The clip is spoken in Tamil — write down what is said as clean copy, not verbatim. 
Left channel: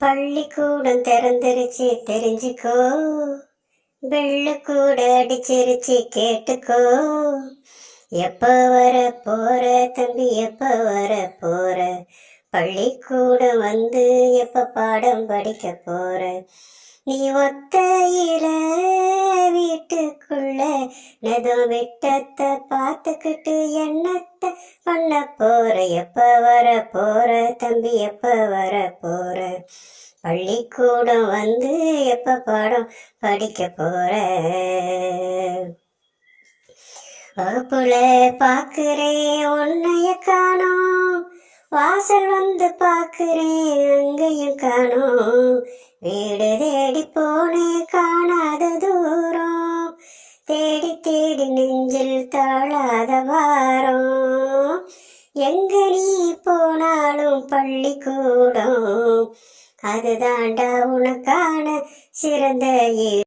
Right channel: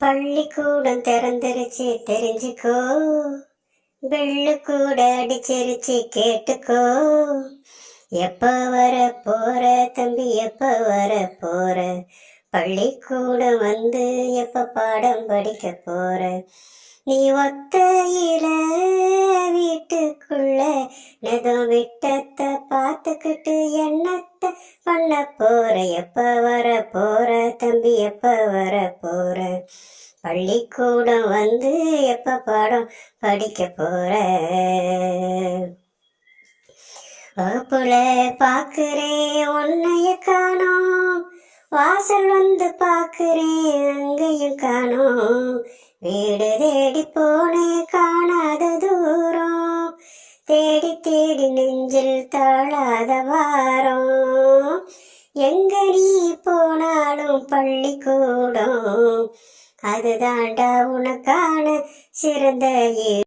பள்ளிக்கூடம் திறந்துருச்சு தெரிஞ்சுக்கோ, பெல்லு கூட அடிச்சிருச்சு கேட்டுக்கோ. எப்ப வர போற தம்பி, எப்ப வர போற? பள்ளிக்கூடம் வந்து எப்ப பாடம் படிக்க போற? நீ ஒத்தையில வீட்டுக்குள்ள நெதம் விட்டத்தை பார்த்துக்கிட்டு என்னத்தை பண்ண போற? எப்ப வர போற தம்பி, எப்ப வர போற? பள்ளிக்கூடம் வந்து எப்ப பாடம் படிக்க போற? வகுப்புல பாக்குறேன் உன்னைய காணோம், வாசல் வந்து பாக்குறேன் அங்கேயும் காணோம். வீடு தேடி போனேன் காணாத தூரம், தேடி தேடி நெஞ்சில் தாழாத வாரம். எங்க நீ போனாலும் பள்ளிக்கூடம் அதுதாண்டா உனக்கான சிறந்த